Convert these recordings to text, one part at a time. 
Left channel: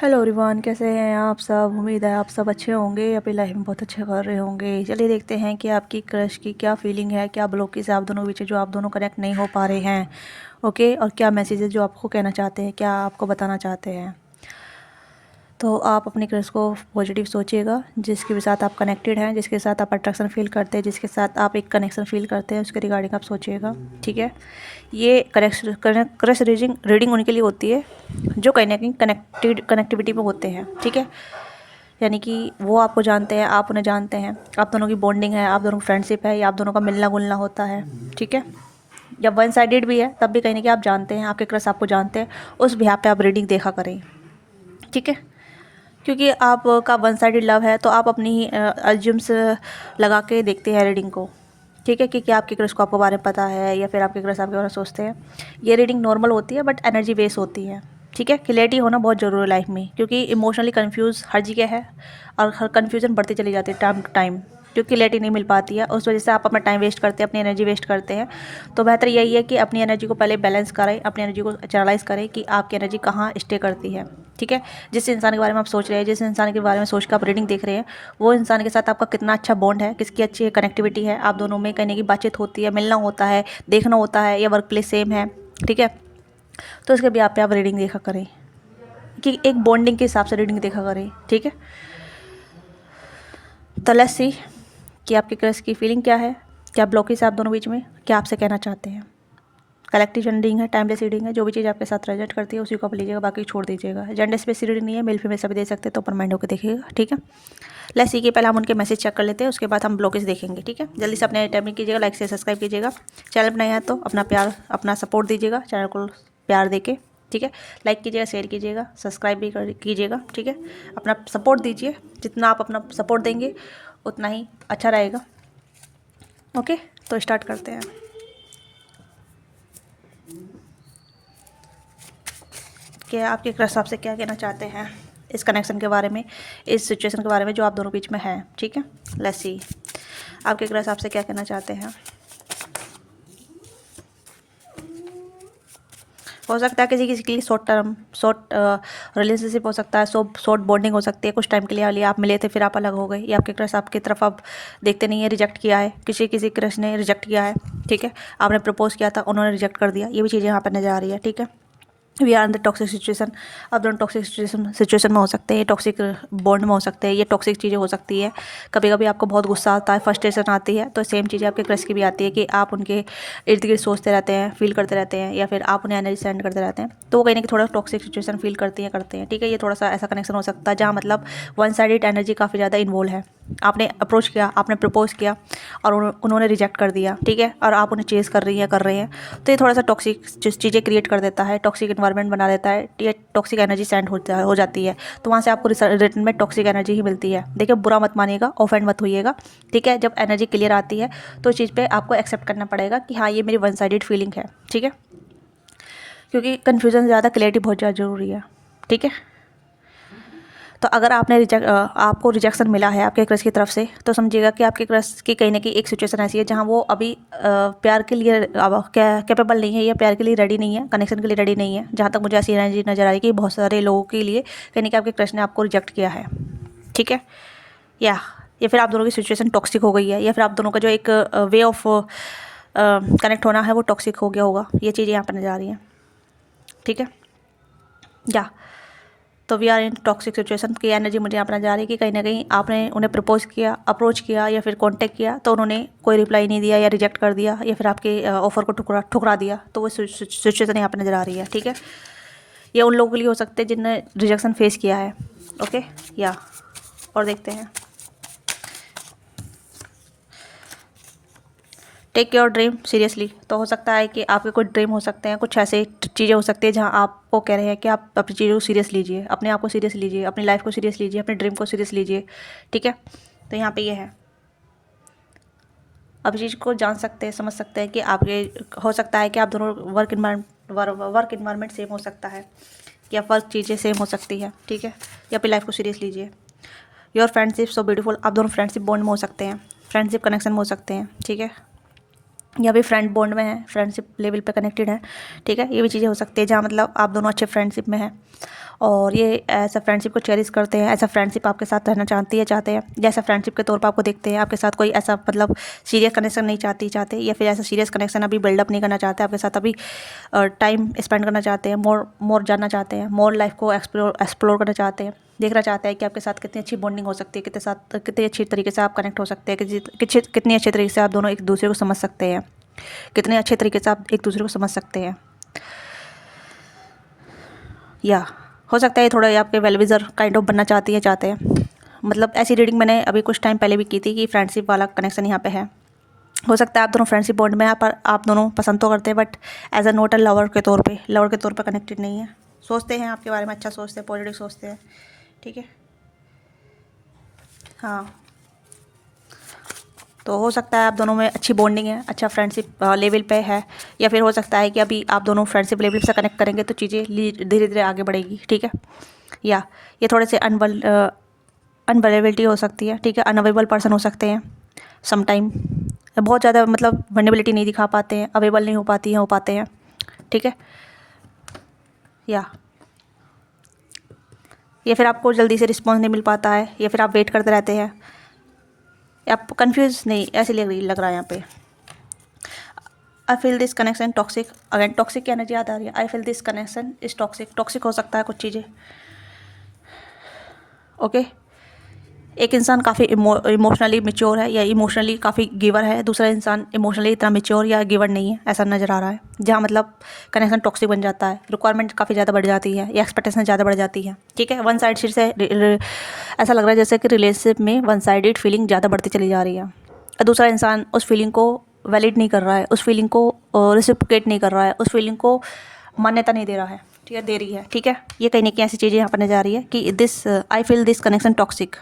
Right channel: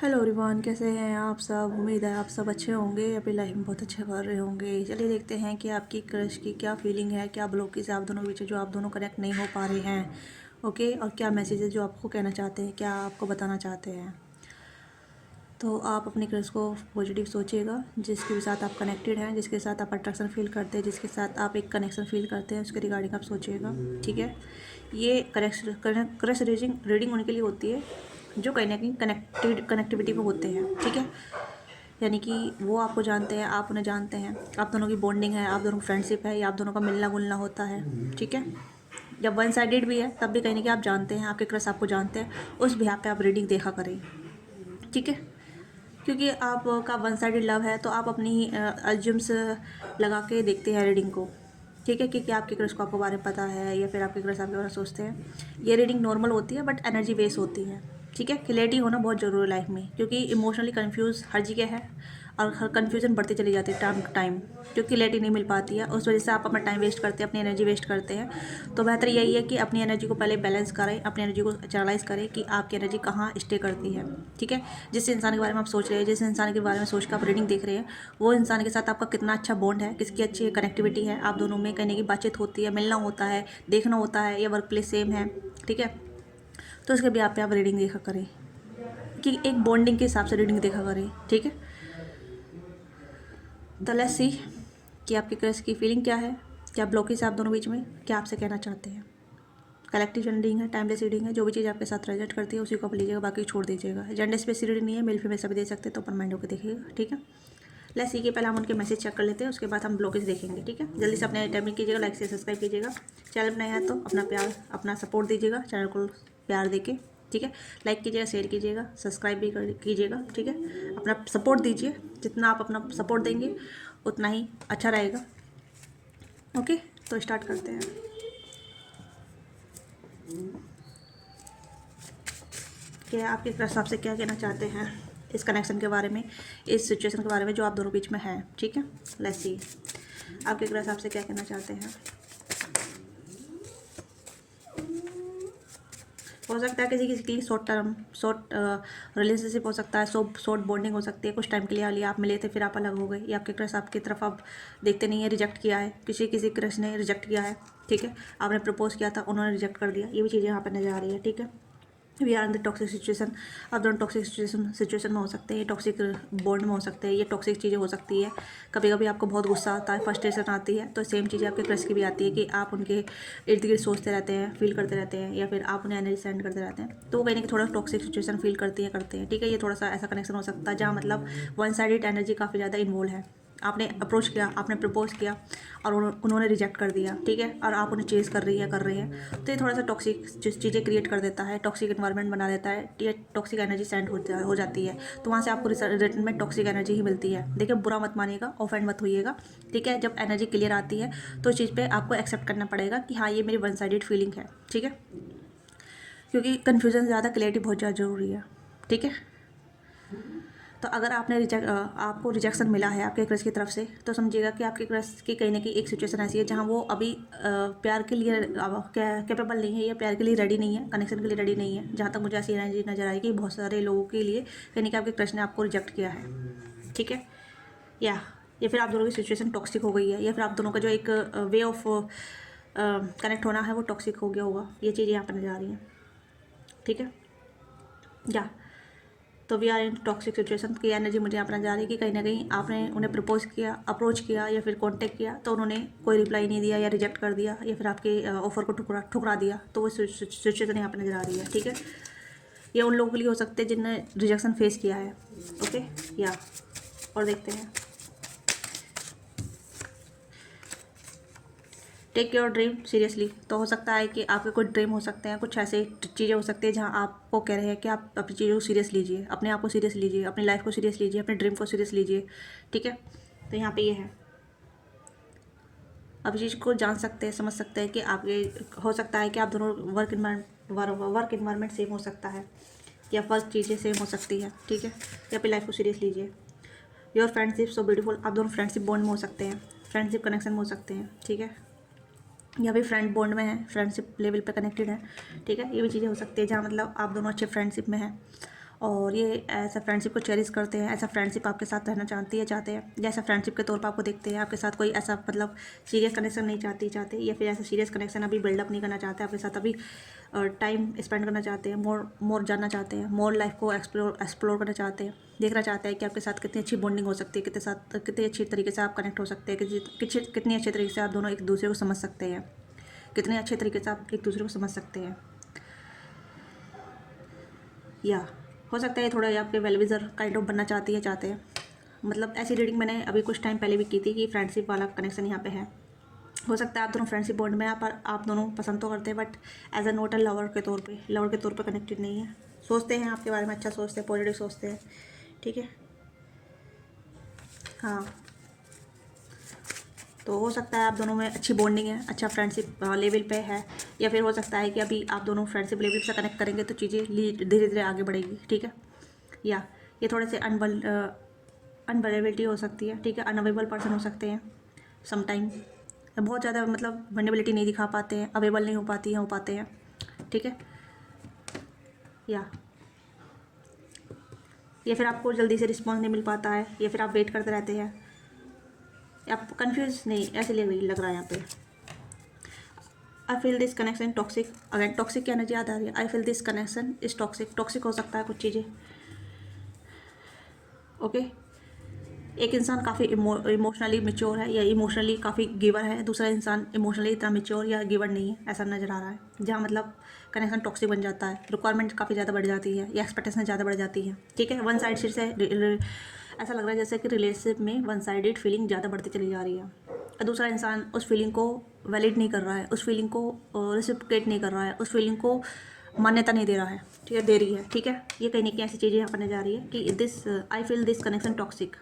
Hello everyone, कैसे हैं आप सब। उम्मीद है आप सब अच्छे होंगे, अपनी लाइफ में बहुत अच्छे कर रहे होंगे। चलिए देखते हैं कि आपकी क्रश की क्या फीलिंग है, क्या ब्लॉकेज है आप दोनों के बीच जो आप दोनों कनेक्ट नहीं हो पा रहे हैं। ओके, और क्या मैसेज है जो आपको कहना चाहते हैं, क्या आपको बताना चाहते हैं। तो आप अपनी क्रश को पॉजिटिव सोचिएगा, जिसके भी साथ आप कनेक्टेड हैं, जिसके साथ आप अट्रैक्शन फील करते हैं, जिसके साथ आप एक कनेक्शन फील करते हैं, उसके रिगार्डिंग आप सोचिएगा। ठीक है, ये क्रश रीडिंग उनके लिए होती है जो कहीं ना कहीं कनेक्टिविटी में होते हैं। ठीक है, यानी कि वो आपको जानते हैं, आप उन्हें जानते हैं, आप दोनों की बॉन्डिंग है, आप दोनों की फ्रेंडशिप है, या आप दोनों का मिलना जुलना होता है। ठीक है, जब वन साइडेड भी है तब भी कहीं ना कहीं आप जानते हैं, आपके क्रश आपको जानते हैं, उस बिहार पे आप रीडिंग देखा करें। ठीक है, क्योंकि आपका वन साइडेड लव है तो आप अपनी ही अज्यूम्स लगा के देखते हैं रीडिंग को। ठीक है, कि क्या आपके क्रश को आपके बारे में पता है या फिर आपके क्रश आपके बारे में सोचते हैं। ये रीडिंग नॉर्मल होती है बट एनर्जी बेस होती है। ठीक है, क्लियरिटी होना बहुत ज़रूरी है लाइफ में, क्योंकि इमोशनली कन्फ्यूज़ हर जगह है और हर कन्फ्यूज़न बढ़ती चली जाती है टाइम टू टाइम, क्योंकि क्लियरिटी नहीं मिल पाती है। उस वजह से आप अपना टाइम वेस्ट करते हैं, अपनी एनर्जी वेस्ट करते हैं। तो बेहतर यही है कि अपनी एनर्जी को पहले बैलेंस करें, अपनी एनर्जी को चैनलाइज करें कि आपकी एनर्जी कहाँ स्टे करती है। ठीक है, जिस इंसान के बारे में आप सोच रहे हैं, जिस इंसान के बारे में सोच कर आप रीडिंग देख रहे हैं, वो इंसान के साथ आपका कितना अच्छा बॉन्ड है, किसकी अच्छी कनेक्टिविटी है, आप दोनों में कहने की बातचीत होती है, मिलना होता है, देखना होता है, या वर्क प्लेस सेम है। ठीक है, तो उसके भी आप रीडिंग देखा करें, कि एक बॉन्डिंग के हिसाब से रीडिंग देखा करें। ठीक है, तो लेट्स सी कि आपके क्रश की फीलिंग क्या है, क्या ब्लॉकेज है आप दोनों बीच में, क्या आपसे कहना चाहते हैं। कलेक्टिव रीडिंग है, टाइमलेस रीडिंग है, जो भी चीज़ आपके साथ रेजोनेट करती है उसी को आप लीजिएगा, बाकी छोड़ दीजिएगा। जेंडर स्पेसिफिक रीडिंग नहीं है, मेल फीमेल सभी दे सकते हैं, तो ओपन माइंड होकर देखिएगा। ठीक है, लेट्स सी कि पहले हम उनके मैसेज चेक कर लेते हैं, उसके बाद हम ब्लॉकेज देखेंगे। ठीक है, जल्दी से अपने टाइमिंग कीजिएगा, लाइक से सब्सक्राइब कीजिएगा। चैनल बनाया है तो अपना प्यार, अपना सपोर्ट दीजिएगा चैनल को प्यार देके। ठीक है, लाइक कीजिएगा, शेयर कीजिएगा, सब्सक्राइब भी कीजिएगा। ठीक है, अपना सपोर्ट दीजिए, जितना आप अपना सपोर्ट देंगे उतना ही अच्छा रहेगा। ओके, तो स्टार्ट करते हैं। कि आपके क्रश आपसे क्या कहना चाहते हैं इस कनेक्शन के बारे में, इस सिचुएशन के बारे में जो आप दोनों बीच में है। ठीक है, लेट्स सी आपके क्रश आपसे क्या कहना चाहते हैं। हो सकता है किसी किसी के लिए शॉर्ट रिलेशनशिप हो सकता है, शॉर्ट बॉन्डिंग हो सकती है, कुछ टाइम के लिए आप मिले थे फिर आप अलग हो गए, या आपके क्रश आपकी तरफ अब देखते नहीं है, रिजेक्ट किया है, किसी किसी क्रश ने रिजेक्ट किया है। ठीक है, आपने प्रपोज किया था, उन्होंने रिजेक्ट कर दिया, ये भी चीज़ें यहाँ पर नजर आ रही है। ठीक है, we are in the toxic situation. अब दोनों टॉक्सिक सिचुएशन में हो सकते हैं, टॉक्सिक बॉन्ड में हो सकते हैं, ये टॉक्सिक चीज़ें हो सकती है। कभी कभी आपको बहुत गुस्सा आता है, फ्रस्ट्रेशन आती है, तो सेम चीज़ें आपके क्रश की भी आती है कि आप उनके इर्द गिर्द सोचते रहते हैं, फील करते रहते हैं, या फिर आप उन्हें एनर्जी सेंड करते रहते हैं, तो वो कहीं ना कहीं थोड़ा टॉक्सिक सिचुएशन फील करते हैं। ठीक है, ये थोड़ा सा ऐसा कनेक्शन हो सकता है जहाँ मतलब वन साइडेड एनर्जी काफ़ी ज़्यादा इन्वॉल्व है। आपने अप्रोच किया, आपने प्रपोज किया और उन्होंने रिजेक्ट कर दिया। ठीक है, और आप उन्हें चेज़ कर रही हैं, तो ये थोड़ा सा टॉक्सिक चीज़ें क्रिएट कर देता है, टॉक्सिक इन्वायरमेंट बना देता है, ये टॉक्सिक एनर्जी सेंड हो जाती है। तो वहाँ से आपको रिटर्न में टॉक्सिक एनर्जी ही मिलती है। देखिए, बुरा मत मानिएगा, ऑफेंड मत होइएगा। ठीक है, जब एनर्जी क्लियर आती है तो चीज़ पे आपको एक्सेप्ट करना पड़ेगा कि हाँ, ये मेरी वन साइडेड फीलिंग है। ठीक है, क्योंकि कन्फ्यूज़न ज़्यादा, क्लैरिटी बहुत ज़्यादा ज़रूरी है। ठीक है, तो अगर आपको रिजेक्शन मिला है आपके क्रश की तरफ से, तो समझिएगा कि आपके क्रश की कहीं ना कहीं एक सिचुएशन ऐसी है जहाँ वो अभी प्यार के लिए कैपेबल नहीं है, या प्यार के लिए रेडी नहीं है, कनेक्शन के लिए रेडी नहीं है। जहाँ तक मुझे ऐसी एनर्जी नज़र आ रही है कि बहुत सारे लोगों के लिए कहीं ना कहीं आपके क्रश ने आपको रिजेक्ट किया है। ठीक है, या फिर आप दोनों की सिचुएशन टॉक्सिक हो गई है, या फिर आप दोनों का जो एक वे ऑफ कनेक्ट होना है वो टॉक्सिक हो गया होगा। ये चीज़ें यहाँ पर नज़र आ रही हैं। ठीक है, या तो we are in toxic situation की एनर्जी मुझे यहाँ पर नजर आ रही है कि कहीं ना कहीं आपने उन्हें प्रपोज किया, अप्रोच किया, या फिर कांटेक्ट किया, तो उन्होंने कोई रिप्लाई नहीं दिया, या रिजेक्ट कर दिया, या फिर आपके ऑफर को ठुकरा दिया। तो वो सिचुएशन यहाँ पर नज़र आ रही है। ठीक है, ये उन लोगों के लिए हो सकते हैं जिनने रिजेक्शन फेस किया है। ओके, या और देखते हैं। टेक योर ड्रीम सीरियसली, तो हो सकता है कि आपके कुछ ड्रीम हो सकते हैं, कुछ ऐसे चीज़ें हो सकती है जहां आपको कह रहे हैं कि आप अपनी चीज़ों को सीरियस लीजिए, अपने आप को सीरियस लीजिए, अपनी लाइफ को सीरियस लीजिए, अपने ड्रीम को सीरियस लीजिए। ठीक है, तो यहाँ पे ये है, आप चीज़ को जान सकते हैं, समझ सकते हैं कि आपके हो सकता है कि आप दोनों वर्क इन्वायरमेंट सेम हो सकता है, या वर्क चीज़ें सेम हो सकती है। ठीक है, या अपनी लाइफ को सीरियस लीजिए। योर फ्रेंडशिप सो ब्यूटीफुल, आप दोनों फ्रेंडशिप बॉन्ड में हो सकते हैं, फ्रेंडशिप कनेक्शन में हो सकते हैं। ठीक है, या भी फ्रेंड बॉन्ड में है, फ्रेंडशिप लेवल पे कनेक्टेड है। ठीक है, ये भी चीज़ें हो सकती है जहाँ मतलब आप दोनों अच्छे फ्रेंडशिप में हैं, और ये ऐसा फ्रेंडशिप को चेरिश करते हैं, ऐसा फ्रेंडशिप आपके साथ रहना चाहते हैं, जैसा फ्रेंडशिप के तौर पर आपको देखते हैं, आपके साथ कोई ऐसा मतलब सीरियस कनेक्शन नहीं चाहते, या फिर ऐसा सीरियस कनेक्शन अभी बिल्डअप नहीं करना चाहते, आपके साथ अभी टाइम स्पेंड करना चाहते हैं, मोर जानना चाहते हैं, मोर लाइफ को एक्सप्लोर करना चाहते हैं, देखना चाहते हैं कि आपके साथ कितनी अच्छी बॉन्डिंग हो सकती है, कितनी अच्छी तरीके से आप कनेक्ट हो सकते हैं, कितनी अच्छे तरीके से आप दोनों एक दूसरे को समझ सकते हैं, कितने अच्छे तरीके से आप एक दूसरे को समझ सकते हैं। या हो सकता है थोड़ा ये आपके वेलविजर काइंड ऑफ बनना चाहते हैं। मतलब ऐसी रीडिंग मैंने अभी कुछ टाइम पहले भी की थी कि फ्रेंडशिप वाला कनेक्शन यहाँ पे है। हो सकता है आप दोनों फ्रेंडशिप बॉन्ड में हैं, पर आप दोनों पसंद तो करते हैं, but as a not lover के तौर पे कनेक्टेड नहीं है। सोचते हैं आपके बारे में, अच्छा सोचते हैं, पॉजिटिव सोचते हैं, ठीक है। हाँ, तो हो सकता है आप दोनों में अच्छी बॉन्डिंग है, अच्छा फ्रेंडशिप लेवल पे है, या फिर हो सकता है कि अभी आप दोनों फ्रेंडशिप लेवल से कनेक्ट करेंगे तो चीज़ें धीरे धीरे आगे बढ़ेगी, ठीक है। या ये थोड़े से अनअवेलेबिलिटी हो सकती है, ठीक है, अनअवेलेबल पर्सन हो सकते हैं समटाइम, बहुत ज़्यादा मतलब वल्नरेबिलिटी नहीं दिखा पाते हैं, अवेलेबल नहीं हो पाते हैं, ठीक है। या फिर आपको जल्दी से रिस्पॉन्स नहीं मिल पाता है, या फिर आप वेट करते रहते हैं, आप कंफ्यूज नहीं ऐसे लग रहा है यहाँ पे। I feel this connection toxic, again toxic की एनर्जी याद आ रही है। I feel this connection is toxic हो सकता है कुछ चीज़ें, ओके। एक इंसान काफ़ी इमोशनली मैच्योर है या इमोशनली काफ़ी गिवर है, दूसरा इंसान इमोशनली इतना मैच्योर या गिवर नहीं है, ऐसा नज़र आ रहा है, जहाँ मतलब कनेक्शन टॉक्सिक बन जाता है, रिक्वायरमेंट काफ़ी ज़्यादा बढ़ जाती है या एक्सपेक्टेशन ज़्यादा बढ़ जाती है, ठीक है। वन साइड से ऐसा लग रहा है जैसे कि रिलेशनशिप में वन साइडेड फीलिंग ज़्यादा बढ़ती चली जा रही है, और दूसरा इंसान उस फीलिंग को वैलिड नहीं कर रहा है, उस फीलिंग को रिसिप्रोकेट नहीं कर रहा है, उस फीलिंग को मान्यता नहीं दे रहा है, ठीक है, दे रही है, ठीक है। ये कहीं ना कहीं ऐसी चीज़ें यहाँ पर नजर आ रही है कि I feel this connection toxic,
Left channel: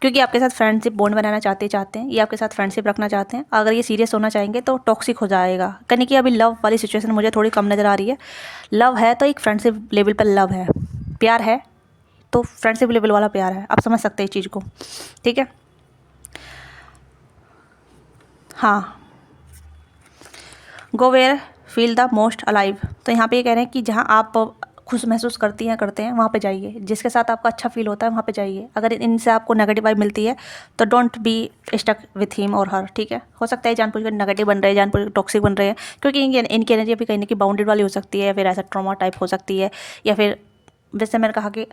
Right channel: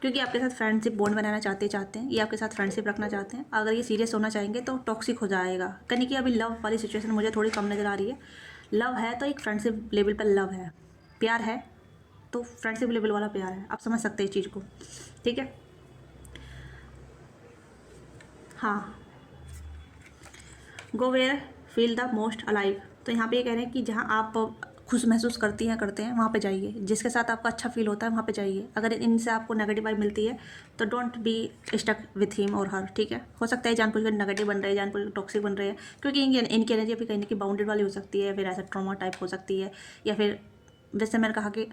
क्योंकि आपके साथ फ्रेंडशिप बॉन्ड बनाना चाहते हैं, ये आपके साथ फ्रेंडशिप रखना चाहते हैं। अगर ये सीरियस होना चाहेंगे तो टॉक्सिक हो जाएगा, कहीं कि अभी लव वाली सिचुएशन मुझे थोड़ी कम नज़र आ रही है। लव है तो एक फ्रेंडशिप लेवल पर लव है, प्यार है तो फ्रेंडशिप लेवल वाला प्यार है, आप समझ सकते हैं इस चीज़ को, ठीक है। हाँ, go where feel the most alive, तो यहाँ पे ये कह रहे हैं कि जहाँ आप खुश महसूस करते हैं वहाँ पे जाइए, जिसके साथ आपको अच्छा फील होता है वहाँ पे जाइए। अगर इनसे आपको नेगेटिव वाइब मिलती है तो don't be stuck with him और हर, ठीक है। हो सकता है जानबूझ कर नेगेटिव बन रहे हैं, जानबूझ टॉक्सिक बन रहे हैं, क्योंकि इनकी एनर्जी अभी कहीं ना कहीं बाउंडेड वाली हो सकती है, या फिर ऐसा ट्रॉमा टाइप हो सकती है, या फिर जैसे मैंने कहा कि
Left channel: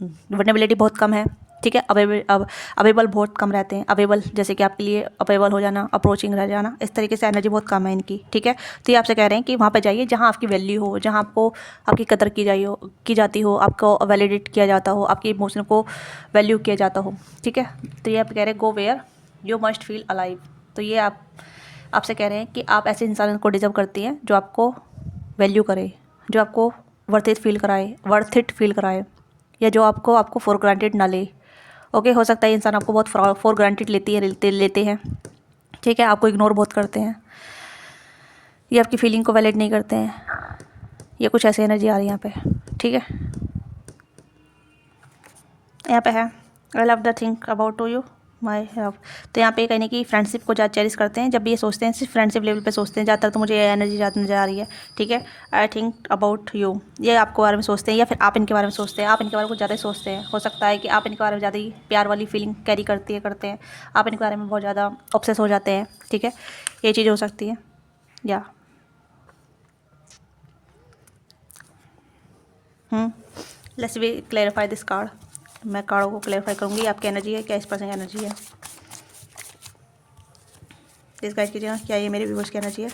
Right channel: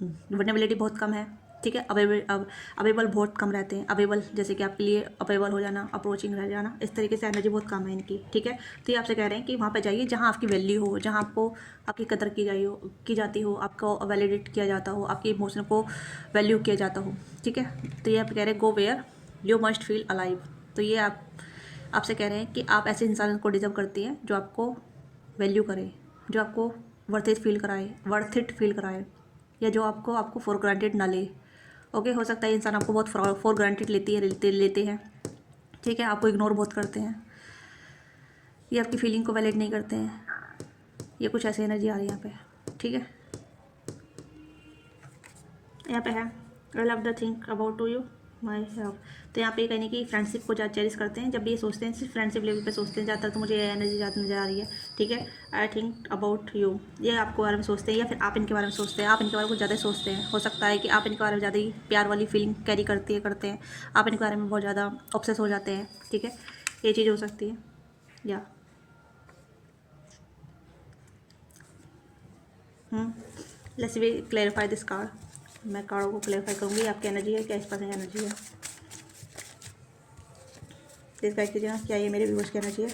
वल्नरेबिलिटी बहुत कम है, ठीक है। अवेलेबल बहुत कम रहते हैं, अवेलेबल जैसे कि आपके लिए अवेलेबल हो जाना, अप्रोचिंग रह जाना, इस तरीके से एनर्जी बहुत कम है इनकी, ठीक है। तो ये आपसे कह रहे हैं कि वहाँ पे जाइए जहाँ आपकी वैल्यू हो, जहाँ आपको आपकी कदर की जाती हो, आपको वैलिडेट किया जाता हो, आपकी इमोशन को वैल्यू किया जाता हो, ठीक है। तो ये आप कह रहे हैं go where you must feel alive, तो ये आपसे कह रहे हैं कि आप ऐसे इंसान को डिजर्व करती हैं जो आपको वैल्यू करे, जो आपको वर्थ इट फील कराए, या जो आपको फॉर ग्रांटेड ना ले, ओके। हो सकता है इंसान आपको बहुत फॉर ग्रांटेड लेते हैं, ठीक है, आपको इग्नोर बहुत करते हैं, ये आपकी फीलिंग को वैलिड नहीं करते हैं, ये कुछ ऐसी एनर्जी आ रही है यहाँ पे, ठीक है। यहाँ पे है I love the think about to you my love, तो यहाँ पे कहने की फ्रेंडशिप को ज़्यादा चेरिश करते हैं, जब भी ये सोचते हैं सिर्फ फ्रेंडशिप लेवल पे सोचते हैं ज़्यादातर, तो मुझे ये एनर्जी ज़्यादा नज़र आ रही है, ठीक है। आई थिंक अबाउट यू, ये आपको बारे में सोचते हैं, या फिर आप इनके बारे में सोचते हैं, आप इनके बारे में कुछ ज़्यादा सोचते हैं। हो सकता है कि आप इनके बारे में ज़्यादा ही प्यार वाली फीलिंग कैरी करते हैं, आप इनके बारे में बहुत ज़्यादा ऑब्सेस हो जाते हैं, ठीक है, ये चीज़ हो सकती है। या let's we clarify this card, मैं कार्डों को क्लैरिफाई करूँगी, आपकी एनर्जी है क्या, इस पर्सन की एनर्जी है, प्लीज़ गाइड कीजिएगा, क्या ये मेरे व्यूअर्स की एनर्जी है।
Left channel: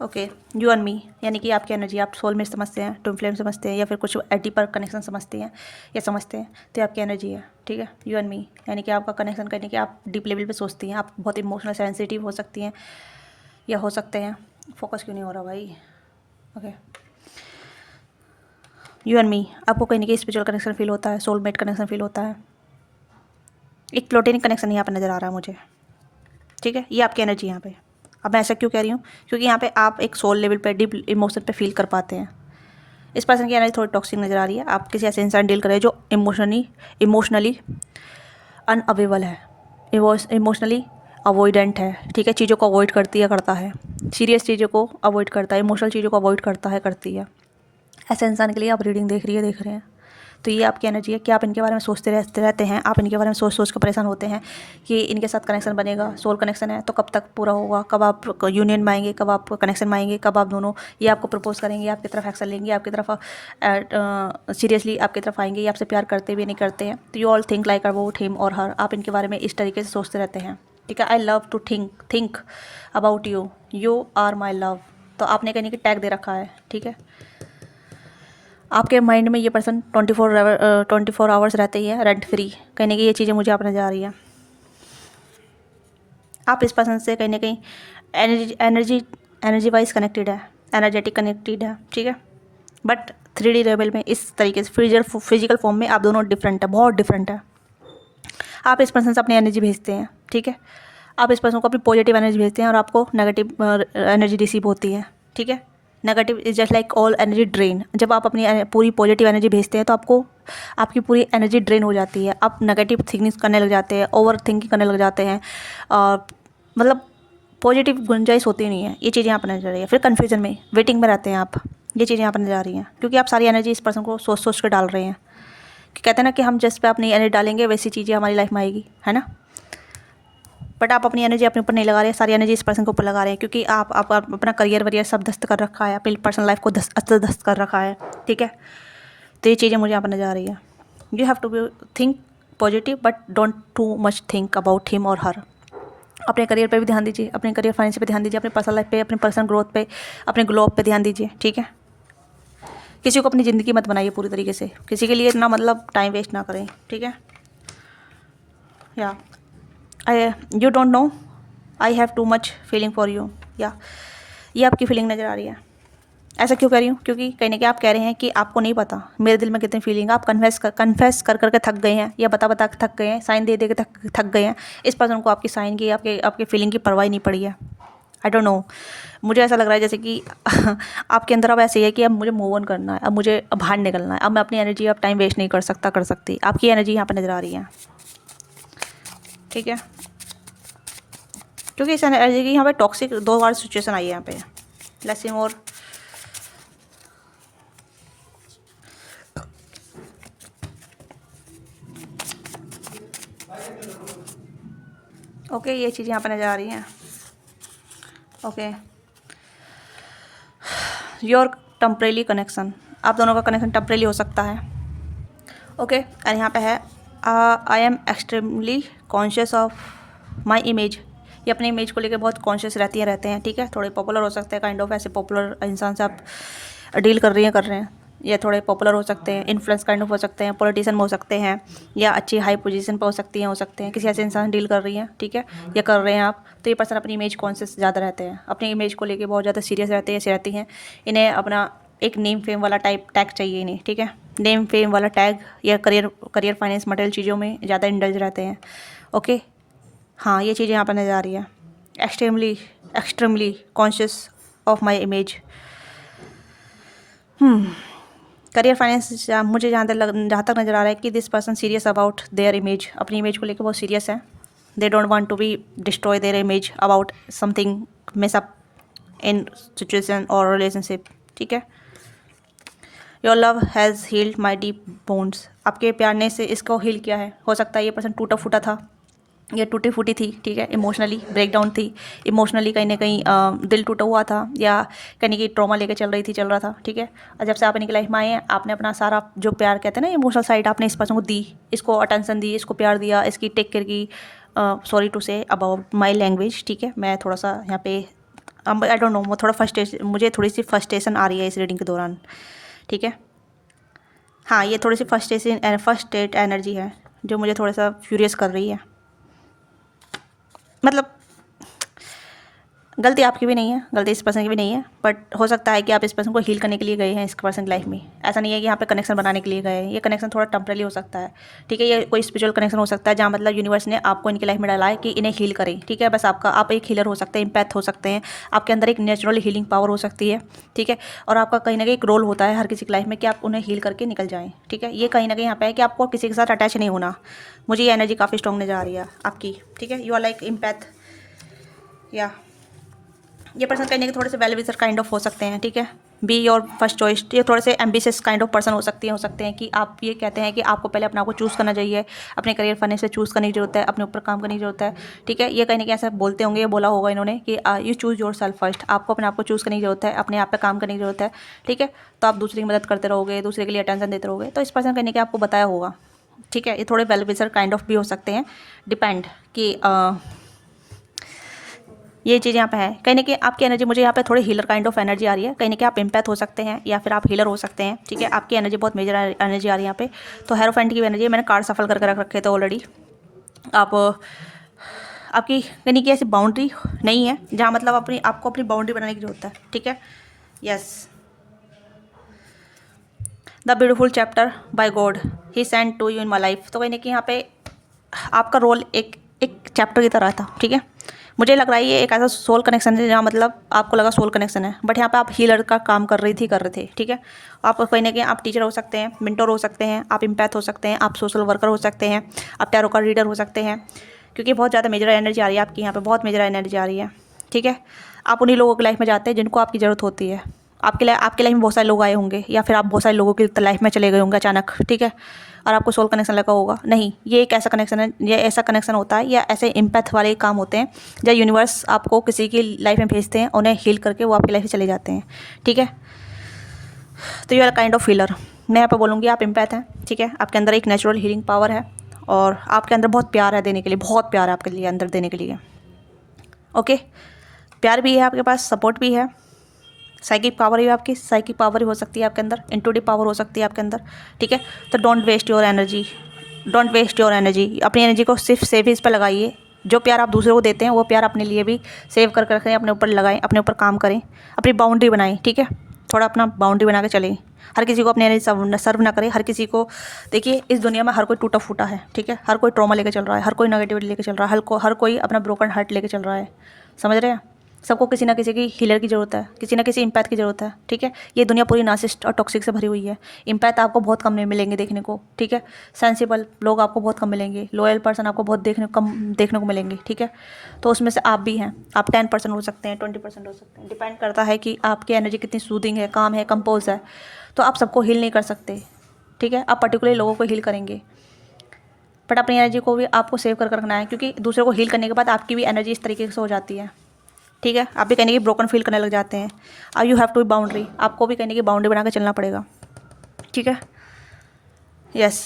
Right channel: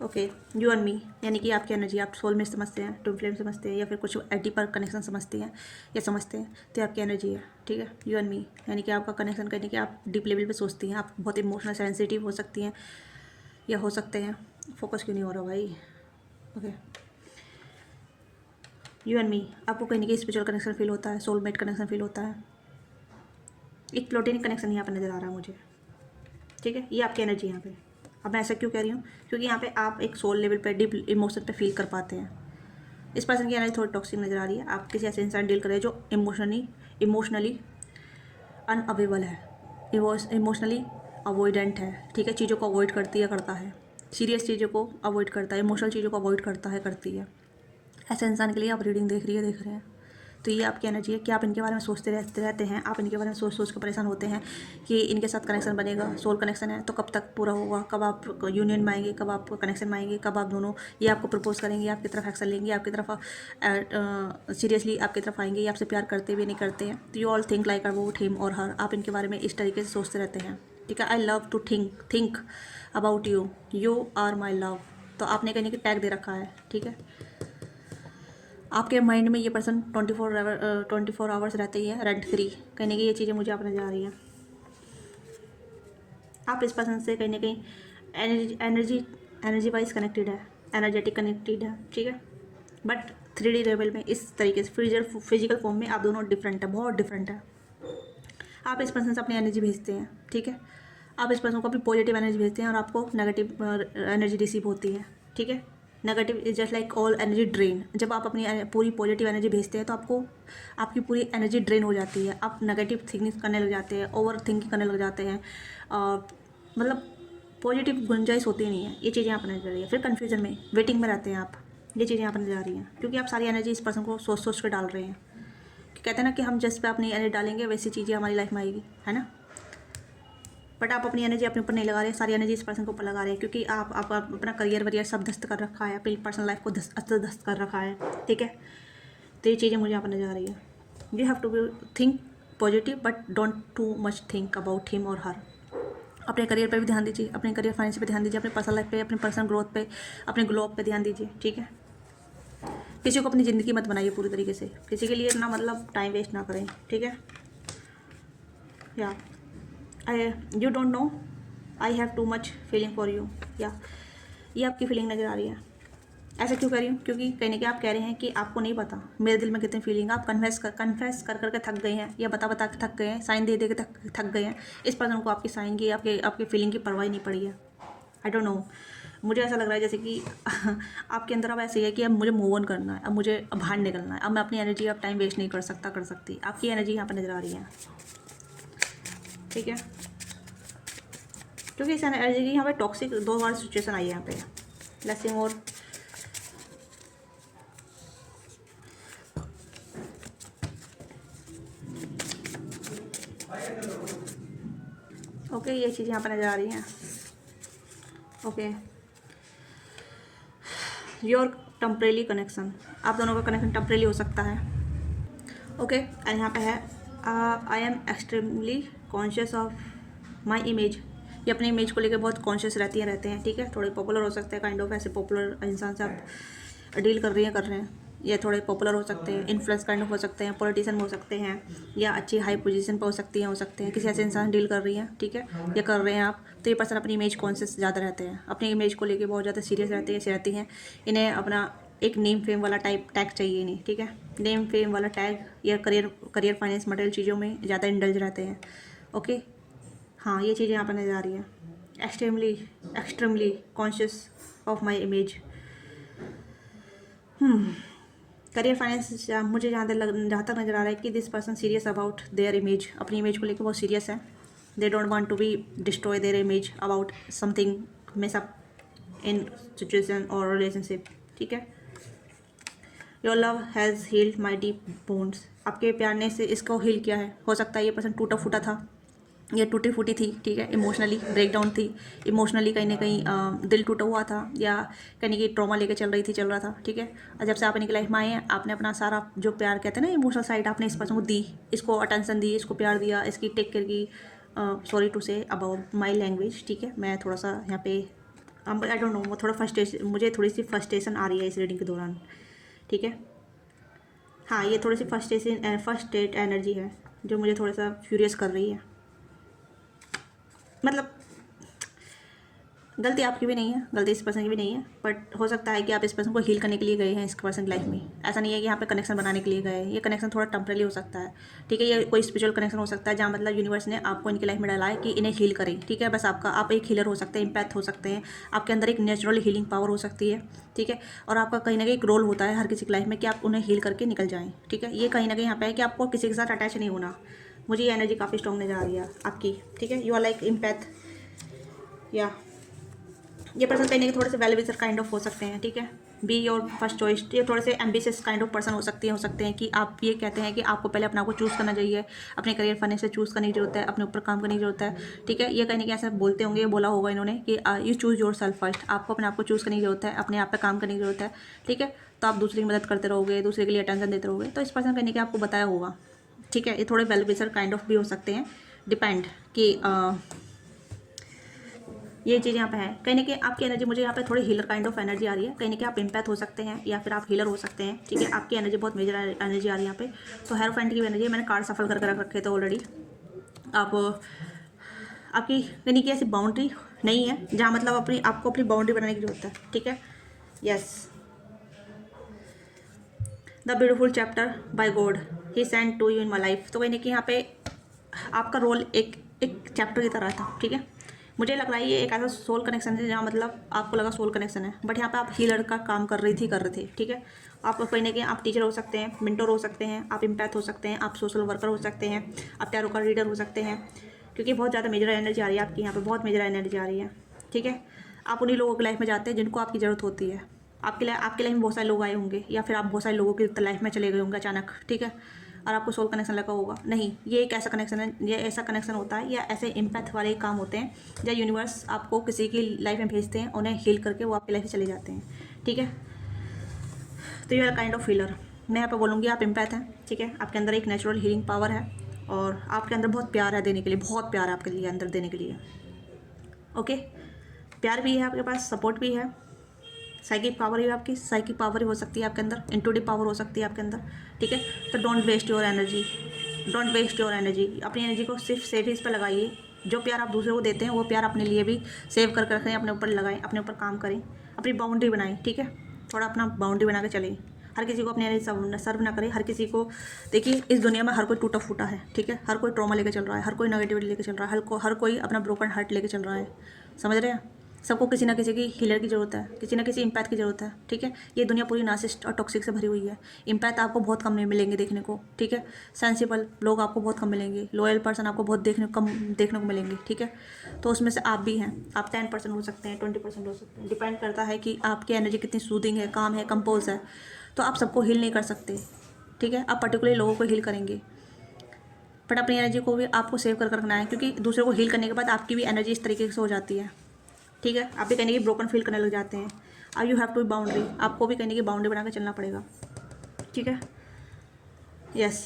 ओके, यू एंड मी, यानी कि आपकी एनर्जी आप सोल में समझते हैं, ट्विन फ्लेम समझते हैं, या फिर कुछ डीपर कनेक्शन समझते हैं या समझते हैं, तो आपकी एनर्जी है, ठीक है। यू एंड मी यानी कि आपका कनेक्शन करने की आप डीप लेवल पे सोचती हैं, आप बहुत इमोशनल सेंसिटिव हो सकती हैं या हो सकते हैं, फोकस क्यों नहीं हो रहा भाई, ओके। यू एंड मी, आपको कहीं ना कहीं स्पिरिचुअल कनेक्शन फील होता है, सोलमेट कनेक्शन फील होता है, एक प्लोटेनिक कनेक्शन यहाँ पर नज़र आ रहा है मुझे, ठीक है। ये आपकी एनर्जी यहाँ पे, अब मैं ऐसा क्यों कह रही हूँ, क्योंकि यहाँ पे आप एक सोल लेवल पे डीप इमोशन पे फील कर पाते हैं। इस पर्सन की एनर्जी थोड़ी टॉक्सिक नज़र आ रही है, आप किसी ऐसे इंसान डील कर रहे हैं जो इमोशनली अनअवेलेबल है, इमोशनली अवॉइडेंट है, ठीक है, चीज़ों को अवॉइड करती है, करता है, सीरियस चीज़ों को अवॉइड करता है, इमोशनल चीज़ों को अवॉइड करता है, करती है। ऐसे इंसान के लिए आप रीडिंग देख रहे हैं। तो ये आपकी एनर्जी है कि आप इनके बारे में सोचते रहते हैं, आप इनके बारे में सोच सोच कर परेशान होते हैं कि इनके साथ कनेक्शन बनेगा, सोल कनेक्शन है तो कब तक पूरा होगा, कब आप यूनियन में आएंगे, कब आप कनेक्शन में आएंगे, कब आप दोनों ये आपको प्रपोज करेंगे, आपकी तरफ एक्शन लेंगे, आपकी तरफ सीरियसली आपकी तरफ आएंगे, ये आपसे प्यार करते भी नहीं करते हैं। तो you all think like about him और हर, आप इनके बारे में इस तरीके से सोचते रहते हैं, ठीक है। I love to think about you, you are my love. तो आपने कहीं कि टैग दे रखा है, ठीक है। आपके माइंड में ये पर्सन 24 आवर्स रहते ही है रेंट फ्री, कहीं ना कहीं ये चीज़ें मुझे आप नजर आ रही है। आप इस पर्सन से कहीं ना कहीं एनर्जी वाइज कनेक्टेड है, एनर्जेटिक कनेक्टेड है, ठीक है। बट 3D लेवल में इस तरीके से फिजिकल फॉर्म में आप दोनों डिफरेंट है, बहुत डिफरेंट है। आप इस पर्सन से अपनी एनर्जी भेजते हैं, ठीक है। आप इस पर्सन को अपनी पॉजिटिव एनर्जी भेजते हैं और आपको नेगेटिव एनर्जी रिसीव होती है, ठीक है। Negative is just like all energy drain. जब आप अपनी पूरी पॉजिटिव एनर्जी भेजते हैं तो आपको आपकी पूरी एनर्जी ड्रेन हो जाती है, आप नेगेटिव थिंकिंग करने लग जाते हैं, ओवर थिंकिंग करने लग जाते हैं, मतलब पॉजिटिव गुंजाइश होती नहीं है। ये चीज़ें यहाँ पर नजर आ रही है। फिर कन्फ्यूजन में वेटिंग में रहते हैं आप, ये चीज़ें यहाँ पर नजर आ रही हैं क्योंकि आप सारी एनर्जी इस पर्सन को सोच सोच कर डाल रहे हैं। कि कहते हैं ना कि हम जिस पे अपनी एनर्जी डालेंगे वैसी चीज़ें हमारी लाइफ में आएगी, है ना। बट आप अपनी एनर्जी अपने ऊपर नहीं लगा रहे हैं, सारी एनर्जी इस पर्सन के ऊपर लगा रहे हैं क्योंकि आप अपना करियर वरियर सब दस्त कर रखा है, अपनी पर्सनल लाइफ को दस्त कर रखा है, ठीक है। तो ये चीज़ें मुझे यहाँ पर नजर आ रही है। You have to be think positive but don't too much think about him और हर। अपने करियर पे भी ध्यान दीजिए, अपने करियर फाइनेंस पे ध्यान दीजिए, अपनी पर्सनल लाइफ पे, अपनी पर्सनल ग्रोथ पे, अपने ग्लो अप पे ध्यान दीजिए, ठीक है। किसी को अपनी ज़िंदगी मत बनाइए पूरी तरीके से, किसी के लिए इतना मतलब टाइम वेस्ट ना करें, ठीक है। या you don't know I have too much feeling for you, या ये आपकी फीलिंग नज़र आ रही है। ऐसा क्यों कह रही हूँ? क्योंकि कहीं ना कहीं आप कह रहे हैं कि आपको नहीं पता मेरे दिल में कितनी फीलिंग। आप कन्फेस कर करके थक गए हैं, या बता के थक गए हैं, साइन दे के थक गए हैं। इस पर्सन को आपकी साइन की, आपके फीलिंग की परवाह नहीं पड़ी है। आई डोंट नो, मुझे ऐसा लग रहा है जैसे कि आपके अंदर अब ऐसे ही है कि अब मुझे मूव ऑन करना है, अब मुझे बाहर निकलना है, अब मैं अपनी एनर्जी अब टाइम वेस्ट नहीं कर सकती। आपकी एनर्जी यहाँ पर नज़र आ रही है, ठीक है। क्योंकि इस एनर्जी की यहाँ पे टॉक्सिक 2 बार सिचुएशन आई है यहाँ पे। Let's see more. ओके, ये चीज़ यहाँ पे नज़र आ रही हैं। ओके, योर टेम्परेरी कनेक्शन, आप दोनों का कनेक्शन टेम्परेरी हो सकता है। ओके, और यहाँ पे है I am extremely conscious of my image. ये अपने इमेज को लेकर बहुत कॉन्शियस रहते हैं, ठीक है। थोड़े पॉपुलर हो सकते हैं, काइंड ऑफ ऐसे पॉपुलर इंसान से आप डील कर रही हैं, ये थोड़े पॉपुलर हो सकते हैं, इन्फ्लुएंस काइंड ऑफ हो सकते हैं, पॉलिटिशियन हो सकते हैं, या अच्छी हाई पोजीशन पर हो सकते हैं, किसी ऐसे इंसान से डील कर रही हैं, ठीक है, या कर रहे हैं आप। तो ये पर्सन अपनी इमेज कॉन्शियस ज़्यादा रहते हैं, अपनी इमेज को लेकर बहुत ज़्यादा सीरियस रहती हैं। इन्हें अपना एक नेम फेम वाला टैग चाहिए इन्हें, ठीक है। नेम फेम वाला टैग या करियर फाइनेंस मटेरियल चीज़ों में ज़्यादा इंडल्ज रहते हैं। ओके, हाँ, ये चीज़ें यहाँ पर नज़र आ रही है। Extremely conscious of my image. Career finance मुझे जहाँ तक नज़र आ रहा है कि this person serious about their image, अपनी इमेज को लेकर बहुत सीरियस है। They don't want to be destroy their image about something miss up in situation और रिलेशनशिप, ठीक है। Your love has healed my deep bones, आपके प्यार ने से इसको हील किया है। हो सकता है ये पर्सन टूटा फूटा था, ये टूटी फूटी थी, ठीक है, इमोशनली ब्रेकडाउन थी, इमोशनली कहीं ना कहीं दिल टूटा हुआ था, या कहीं की ट्रॉमा लेके चल रहा था, ठीक है। और जब से आप इनकी लाइफ में आए हैं, आपने अपना सारा जो प्यार कहते हैं ना इमोशनल साइड, आपने इस पर्सन को दी, इसको अटेंशन दी, इसको प्यार दिया, इसकी टेक केयर की। Sorry to say about my language, ठीक है। मैं थोड़ा सा यहाँ पे आई डोंट नो, मुझे थोड़ी सी फ्रस्ट्रेशन आ रही है इस रीडिंग के दौरान, ठीक है। हाँ, ये थोड़ी सी फर्स्टेट एनर्जी है जो मुझे थोड़ा सा फ्यूरियस कर रही है। मतलब गलती आपकी भी नहीं है, गलती इस पर्सन की भी नहीं है, बट हो सकता है कि आप इस पर्सन को हील करने के लिए गए हैं इस पर्सन की लाइफ में। ऐसा नहीं है कि यहाँ पे कनेक्शन बनाने के लिए गए हैं। ये कनेक्शन थोड़ा टेम्परेरी हो सकता है, ठीक है। ये कोई स्पिरिचुअल कनेक्शन हो सकता है जहाँ मतलब यूनिवर्स ने आपको इनकी लाइफ में डाला है कि इन्हें हील करें, ठीक है। बस आप एक हीलर हो सकते हैं, इम्पैथ हो सकते हैं, आपके अंदर एक नेचुरल हीलिंग पावर हो सकती है, ठीक है। और आपका कहीं ना कहीं एक रोल होता है हर किसी की लाइफ में कि आप उन्हें हील करके निकल जाएँ, ठीक है। ये कहीं ना कहीं यहाँ पे है कि आपको किसी के साथ अटैच नहीं होना। मुझे ये एनर्जी काफ़ी स्ट्रॉन्ग नजर आ रही है आपकी, ठीक है। यू आर लाइक इम्पैथ, या ये पर्सन कहीं ना कहीं थोड़े से वेल विशर काइंड ऑफ हो सकते हैं, ठीक है। बी योर फर्स्ट चॉइस, ये थोड़े से एम्बिशियस काइंड ऑफ पर्सन हो सकते हैं कि आप ये कहते हैं कि आपको पहले अपने आप को चूज़ करना चाहिए, अपने करियर फने से चूज़ करने की जरूरत है, अपने ऊपर काम करने की जरूरत है, ठीक है। ये कहीं ना कहीं ऐसा बोलते होंगे, ये बोला होगा इन्होंने कि you choose your self first, आपको अपने आप को चूज़ करने की जरूरत है, अपने आप पे काम करने की जरूरत है, ठीक है। तो आप दूसरे की मदद करते रहोगे, दूसरे के लिए अटेंशन देते रहोगे, तो इस पर्सन कहीं ना कहीं आपको बताया होगा, ठीक है। ये थोड़े वेल विशर काइंड ऑफ भी हो सकते हैं, डिपेंड कि ये चीज़ यहाँ पे है। कहीं ना कहीं आपकी एनर्जी, मुझे यहाँ पे थोड़ी हीलर काइंड ऑफ एनर्जी आ रही है। कहीं ना कहीं आप इम्पैथ हो सकते हैं या फिर आप हीलर हो सकते हैं, ठीक है। आपकी एनर्जी बहुत मेजर एनर्जी आ रही है यहाँ पे। तो हेरोफेंट की एनर्जी है, मैंने कार्ड सफल करके रख रखे थे ऑलरेडी। आपकी कहीं ना कहीं ऐसी बाउंड्री नहीं है जहाँ मतलब आपको अपनी बाउंड्री बनाने की जरूरत है, ठीक है। Yes, the beautiful chapter by God he send to you in my life. तो कहीं ना कहीं यहाँ पे आपका रोल एक चैप्टर की तरह था, ठीक है। मुझे लग रहा है ये एक ऐसा सोल कनेक्शन है जहाँ मतलब आपको लगा सोल कनेक्शन है, बट यहाँ पे आप हीलर का काम कर रहे थे, ठीक है। आप कहीं ना कहीं आप टीचर हो सकते हैं, मेंटोर हो सकते हैं, आप इम्पैथ हो सकते हैं, आप सोशल वर्कर हो सकते हैं, आप टैरो कार्ड रीडर हो सकते हैं, क्योंकि बहुत ज़्यादा मेजर एनर्जी आ रही है आपकी यहाँ पे, बहुत मेजर एनर्जी आ रही है, ठीक है। आप उन्हीं लोगों की लाइफ में जाते हैं जिनको आपकी ज़रूरत होती है। आपके लाइफ में बहुत सारे लोग आए होंगे, या फिर आप बहुत सारे लोगों की लाइफ में चले गए होंगे अचानक, ठीक है। और आपको सोल कनेक्शन लगा होगा, नहीं, ये एक ऐसा कनेक्शन है, ये ऐसा कनेक्शन होता है, या ऐसे इम्पैथ वाले काम होते हैं जब यूनिवर्स आपको किसी की लाइफ में भेजते हैं, उन्हें हील करके वो आपकी लाइफ में चले जाते हैं, ठीक है। तो you are kind of healer. मैं यहाँ पे बोलूँगी आप इम्पैथ हैं, ठीक है। आपके अंदर एक नेचुरल हीलिंग पावर है, और आपके अंदर बहुत प्यार है देने के लिए, बहुत प्यार है आपके लिए अंदर देने के लिए, ओके। प्यार भी है आपके पास, सपोर्ट भी है, साइकिक पावर ही आपकी, साइकिक पावर ही हो सकती है आपके अंदर, इंट्यूटिव पावर हो सकती है आपके अंदर, ठीक है। तो don't waste your energy, don't waste your energy. अपनी एनर्जी को सिर्फ सेविंग्स पर लगाइए। जो प्यार आप दूसरों को देते हैं वो प्यार अपने लिए भी सेव करके रखें, अपने ऊपर लगाएं, अपने ऊपर काम करें, अपनी बाउंड्री बनाएं, ठीक है। थोड़ा अपना बाउंड्री बना के चलें। हर किसी को अपनी एनर्जी सर्व ना करें, हर किसी को देखिए, इस दुनिया में हर कोई टूटा फूटा है, ठीक है। हर कोई ट्रॉमा लेके चल रहा है, हर कोई नेगेटिविटी लेके चल रहा है, हर कोई अपना ब्रोकन हार्ट लेके चल रहा है, समझ रहे हैं। सबको किसी ना किसी की हीलर की ज़रूरत है, किसी ना किसी इम्पैथ की ज़रूरत है, ठीक है। ये दुनिया पूरी नार्सिसिस्ट और टॉक्सिक से भरी हुई है। इम्पैथ आपको बहुत कम नहीं मिलेंगे देखने को, ठीक है। सेंसिबल लोग आपको बहुत कम मिलेंगे, लॉयल पर्सन आपको बहुत कम देखने को मिलेंगे, ठीक है। तो उसमें से आप भी हैं। आप 10% हो सकते हैं, 20% हो सकते हैं, डिपेंड करता है कि आपकी एनर्जी कितनी सूदिंग है, काम है, कंपोज है। तो आप सबको हील नहीं कर सकते, ठीक है। आप पर्टिकुलर लोगों को हील करेंगे, बट अपनी एनर्जी को भी आपको सेव कर रखना है, क्योंकि दूसरों को हील करने के बाद आपकी भी एनर्जी इस तरीके से हो जाती है, ठीक है। आप भी कहने की ब्रोकन फील करने लग जाते हैं। अब you have to be boundary, आपको भी कहने की बाउंड्री बना के चलना पड़ेगा, ठीक है। यस,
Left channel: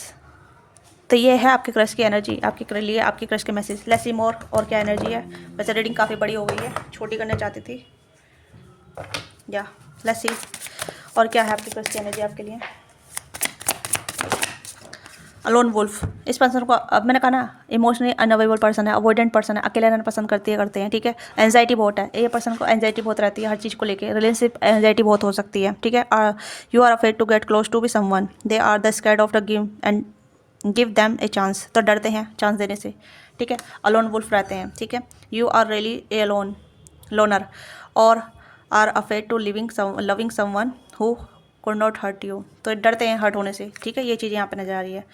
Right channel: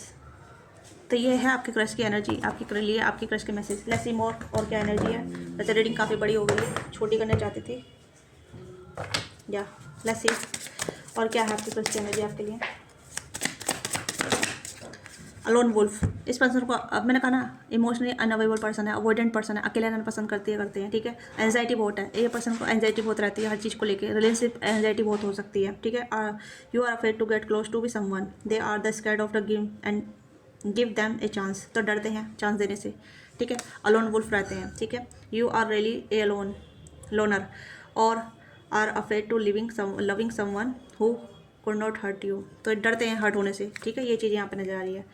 तो ये है आपके क्रश की एनर्जी, आपके लिए आपकी क्रश के मैसेज। लेट्स सी मोर, और क्या एनर्जी है। वैसे रीडिंग काफ़ी बड़ी हो गई है, छोटी करना चाहती थी, या लेट्स सी और क्या है आपकी क्रश की एनर्जी आपके लिए। अलोन वुल्फ, इस पर्सन को, अब मैंने कहा ना, इमोशनली अनअवेलेबल पर्सन है, अवॉइडेंट पर्सन है, अकेले रहना पसंद करते हैं, ठीक है। एंजाइटी बहुत है, ये पर्सन को एंजाइटी बहुत रहती है हर चीज़ को लेके, रिलेशनशिप एंजाइटी बहुत हो सकती है, ठीक है। You are afraid to get close to be someone, they are the scared of the give and give them a chance, तो डरते हैं चांस देने से, ठीक है। अलोन वुल्फ रहते हैं, ठीक है। You are really a alone loner, और are afraid to loving someone who could not hurt you, तो डरते हैं हर्ट होने से, ठीक है। ये चीज़ यहाँ पे नजर आ रही है,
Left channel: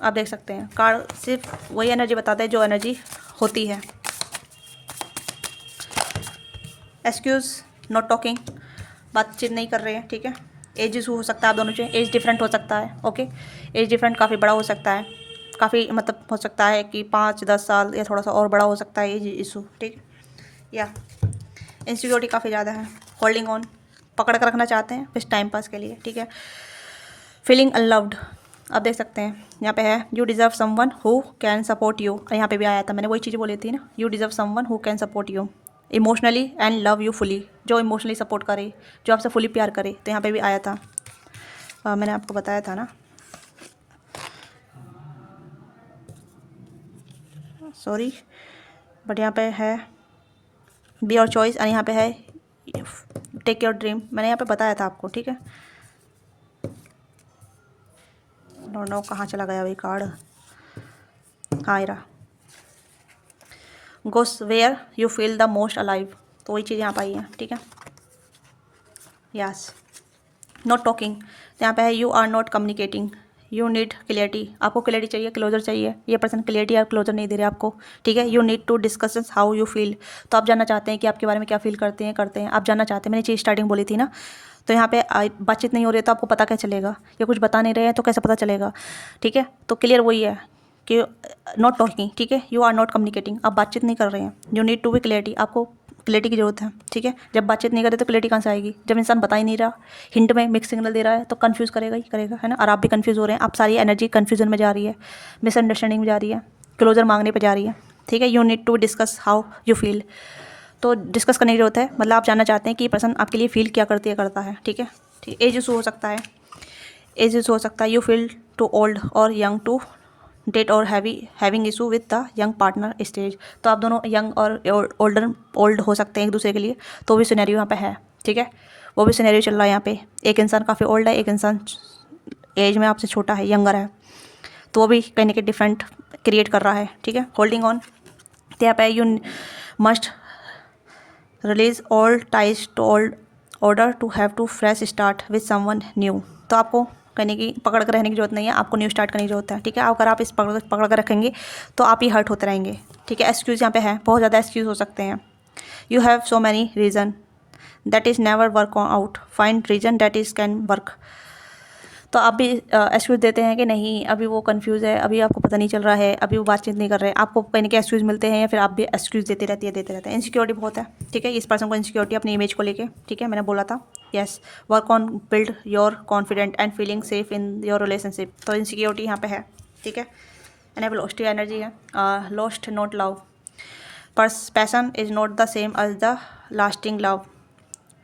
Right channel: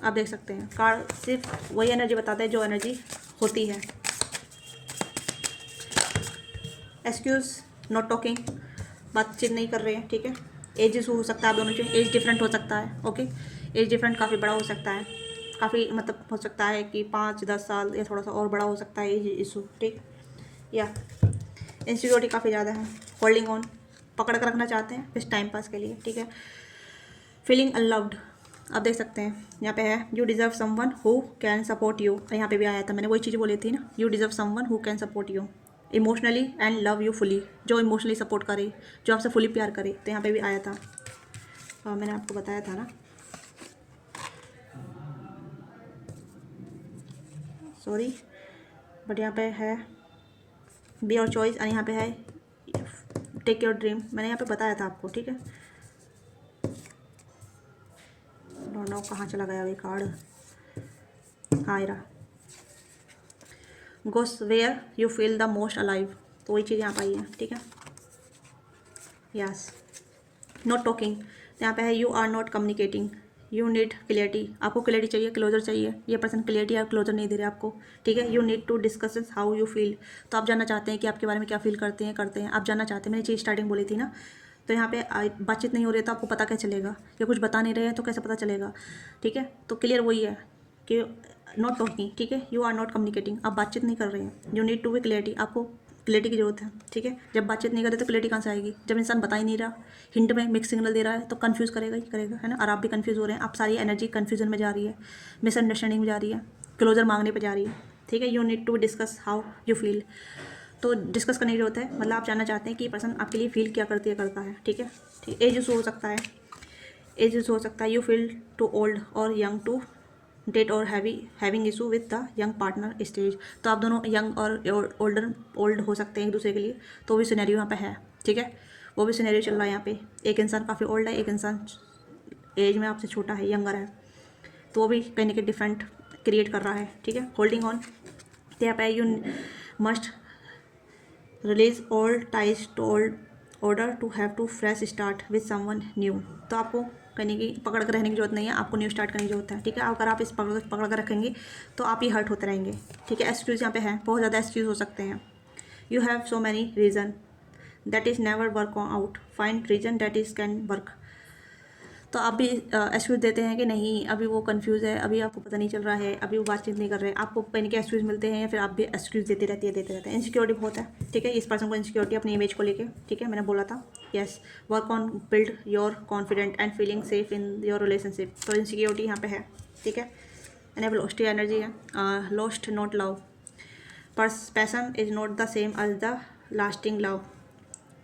आप देख सकते हैं। कार्ड सिर्फ वही एनर्जी बताता है जो एनर्जी होती है। एक्सक्यूज़ नॉट टॉकिंग, बातचीत नहीं कर रहे हैं, ठीक है। एज इशू हो सकता है आप दोनों से, एज डिफरेंट हो सकता है, ओके। एज डिफरेंट काफ़ी बड़ा हो सकता है, काफ़ी मतलब हो सकता है कि 5-10 साल या थोड़ा सा और बड़ा हो सकता है एज इशू, ठीक। या इनसिक्योरिटी काफ़ी ज़्यादा है, होल्डिंग ऑन, पकड़ कर रखना चाहते हैं बस टाइम पास के लिए, ठीक है। फीलिंग अनलव्ड, आप देख सकते हैं यहाँ पे है। You deserve someone who can support you, यहाँ पे भी आया था, मैंने वही चीज़ बोली थी ना, you deserve someone who can support you emotionally and love you fully, जो इमोशनली सपोर्ट करे, जो आपसे फुली प्यार करे, तो यहाँ पे भी आया था। मैंने आपको बताया था ना, सॉरी, बट यहाँ पे है बी योर चॉइस, और यहाँ पे है टेक योर ड्रीम, मैंने यहाँ पे बताया था आपको, ठीक है। नो कहाँ चला गया वही कार्ड, हाँ ये रहा। Goes where you feel the most alive, तो वही चीज़ यहाँ पर आई है, ठीक है। यस, नॉट टॉकिंग, तो यहाँ पे है you are not communicating, you need clarity, आपको क्लियरिटी चाहिए, क्लोजर चाहिए, ये पर्सन क्लियरिटी या क्लोजर नहीं दे रहे आपको, ठीक है। You need to discuss how you feel, तो आप जानना चाहते हैं कि आपके बारे में क्या फील करते हैं आप जानना चाहते हैं। मैंने चीज़ स्टार्टिंग बोली थी ना, तो यहाँ पे बातचीत नहीं हो रही है तो आपको पता कैसे चलेगा, या कुछ बता नहीं रहे हैं तो कैसे पता चलेगा, ठीक है। तो क्लियर वही है कि नॉट टॉकिंग, ठीक है, यू आर नॉट कम्युनिकेटिंग, आप बातचीत नहीं कर रहे हैं। You need to be clarity, आपको क्लियरिटी की जरूरत है, ठीक है। जब बातचीत नहीं करे तो क्लियरिटी कहाँ से आएगी, जब इंसान बता ही नहीं रहा, हिंट में मिक्स सिग्नल दे रहा है तो कंफ्यूज करेगा ही करेगा, है ना। और आप भी कंफ्यूज हो रहे हैं, आप सारी एनर्जी कन्फ्यूजन में जा रही है, मिसअंडरस्टैंडिंग में जा रही है, क्लोजर मांगने पर जा रही है, ठीक है। You need to discuss how you feel, तो डिस्कस करने की जरूरत है, मतलब आप जानना चाहते हैं कि ये पर्सन आपके लिए फील क्या करती है करता है, ठीक है। ठीक, एज इशू हो सकता है, एज इशू हो सकता है, यू फील टू ओल्ड और यंग टू डेट और having issue with the young partner stage, तो आप दोनों यंग और ओल्ड हो सकते हैं एक दूसरे के लिए, तो भी सिनेरियो यहाँ पे है, ठीक है। वो भी सिनेरियो चल रहा है यहाँ पे, एक इंसान काफ़ी ओल्ड है, एक इंसान एज में आपसे छोटा है, यंगर है, तो वो भी कहीं ना कहीं डिफरेंट क्रिएट कर रहा है, ठीक है। होल्डिंग ऑन, तो यहाँ पे you must release all ties to old order to have to fresh start with someone new, तो आपको कहने की पकड़ कर रहने की जरूरत नहीं है, आपको न्यू स्टार्ट करने की जरूरत है, ठीक है। अगर आप इस पकड़ कर रखेंगे तो आप ही हर्ट होते रहेंगे, ठीक है। एक्सक्यूज़ यहाँ पे है, बहुत ज़्यादा एक्सक्यूज़ हो सकते हैं। You have so many reason that is never work out, find reason that is can work, तो आप भी एक्सक्यूज़ देते हैं कि नहीं अभी वो कंफ्यूज है, अभी आपको पता नहीं चल रहा है, अभी वो बातचीत नहीं कर रहे हैं, आपको कहीं के एक्सक्यूज़ मिलते हैं, या फिर आप भी एक्सक्यूज़ देते रहते हैं। इनसिक्योरिटी बहुत है, ठीक है, इस पर्सन को इनसिक्योरिटी अपनी इमेज को लेके, ठीक है, मैंने बोला था। Yes, work on build your confident and feeling safe in your relationship, तो इनसिक्योरिटी यहाँ पे है, ठीक है। एंड अब लॉस्ट एनर्जी है, lost not love, passion is not the same as the lasting love,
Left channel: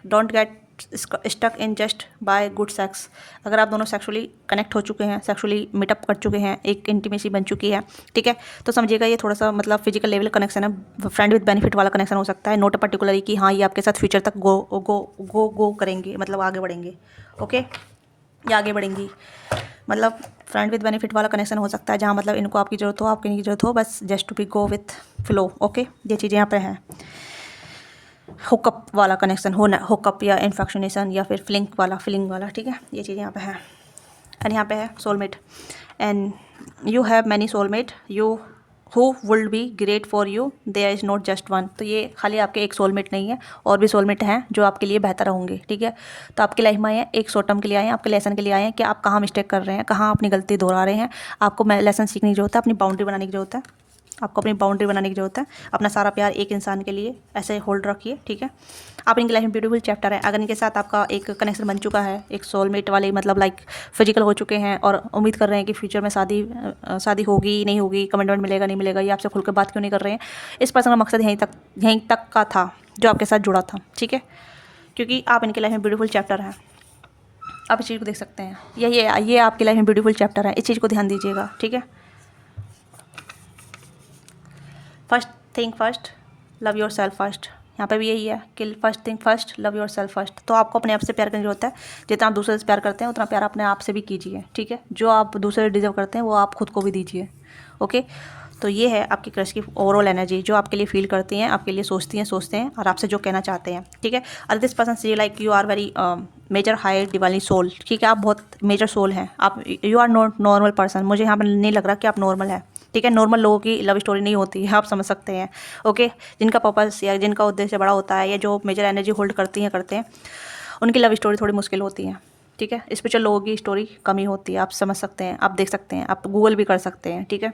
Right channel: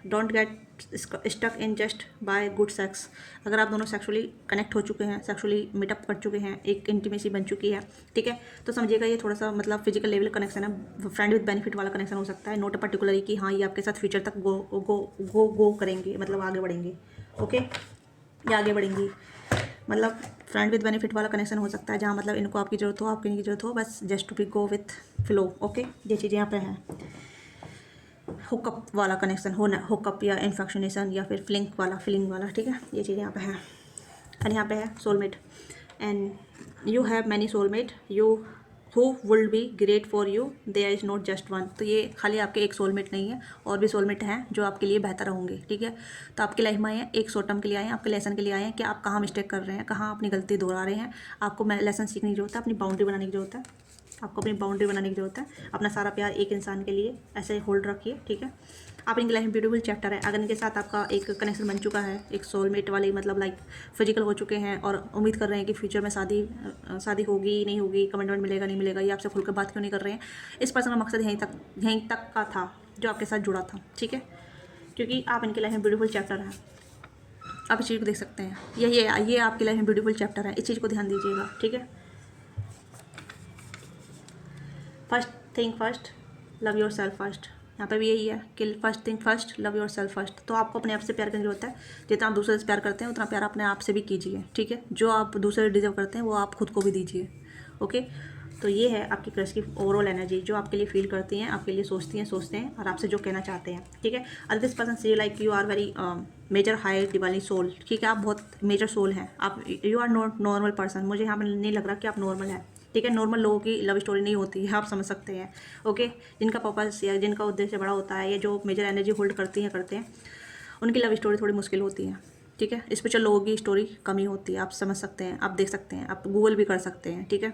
don't get stuck in just by good sex, अगर आप दोनों सेक्सुअली कनेक्ट हो चुके हैं, सेक्सुअली मीटअप कर चुके हैं, एक इंटीमेसी बन चुकी है, ठीक है, तो समझिएगा ये थोड़ा सा मतलब फिजिकल लेवल कनेक्शन है, फ्रेंड विद बेनिफिट वाला कनेक्शन हो सकता है, नोट पर्टिकुलरली कि हाँ ये आपके साथ फ्यूचर तक गो करेंगे, मतलब आगे बढ़ेंगे, ओके, ये आगे बढ़ेंगी, मतलब फ्रेंड विद बेनिफिट वाला कनेक्शन हो सकता है, जहाँ मतलब इनको आपकी ज़रूरत हो, आपकी इनकी ज़रूरत हो, बस just to be go with flow, okay, ये चीज़ें यहाँ पर हैं। हुकअप वाला कनेक्शन होना, हुकअप या इन्फेक्शनेशन या फिर फीलिंग वाला, ठीक है, ये चीज़ यहाँ पे है। एंड यहाँ पे है soulmate, and you have many soulmate you who would be great for you, there is not just one, तो ये खाली आपके एक सोलमेट नहीं है, और भी सोलमेट हैं जो आपके लिए बेहतर होंगे, ठीक है। तो आपकी लाइफ में आए हैं, एक शॉर्ट टर्म के लिए आए हैं, आपके लेसन के लिए आए हैं कि आप कहाँ मिस्टेक कर रहे हैं, कहाँ अपनी गलती दोहरा रहे हैं, आपको लेसन सीखने की जरूरत है, अपनी बाउंड्री बनाने की जरूरत है, आपको अपनी बाउंड्री बनाने की जरूरत है, अपना सारा प्यार एक इंसान के लिए ऐसे होल्ड रखिए, ठीक है। आप इनकी लाइफ में ब्यूटीफुल चैप्टर है, अगर इनके साथ आपका एक कनेक्शन बन चुका है, एक सोलमेट वाले मतलब लाइक फिजिकल हो चुके हैं, और उम्मीद कर रहे हैं कि फ्यूचर में शादी होगी नहीं होगी, कमिटमेंट मिलेगा नहीं मिलेगा, ये आपसे खुल कर बात क्यों नहीं कर रहे हैं, इस पर्सन का मकसद यहीं तक का था जो आपके साथ जुड़ा था, ठीक है, क्योंकि आप इनकी लाइफ में ब्यूटीफुल चैप्टर हैं, आप इस चीज़ को देख सकते हैं, ये आपकी लाइफ में ब्यूटीफुल चैप्टर है, इस चीज़ को ध्यान दीजिएगा, ठीक है। First thing first, love your self first, यहाँ पे भी यही है कि first thing first, love your self first, तो आपको अपने आप से प्यार करने की जरूरत है, जितना आप दूसरे से प्यार करते हैं उतना प्यार अपने आप से भी कीजिए, ठीक है। जो आप दूसरे डिजर्व करते हैं वो आप खुद को भी दीजिए, ओके। तो ये है आपकी क्रश की ओवरऑल एनर्जी, जो आपके लिए फील करती हैं, आपके लिए सोचते हैं और आपसे जो कहना चाहते हैं, ठीक है। और this person see like you are very major high divine soul, ठीक है, आप बहुत मेजर सोल हैं, आप you are not normal person, मुझे यहाँ पर नहीं लग रहा कि आप नॉर्मल है, ठीक है। नॉर्मल लोगों की लव स्टोरी नहीं होती है, आप समझ सकते हैं, ओके। जिनका पर्पस या जिनका उद्देश्य बड़ा होता है, या जो मेजर एनर्जी होल्ड करते हैं उनकी लव स्टोरी थोड़ी मुश्किल होती है, ठीक है। स्पेशल लोगों की स्टोरी कम ही होती है, आप समझ सकते हैं, आप देख सकते हैं, आप गूगल भी कर सकते हैं, ठीक है।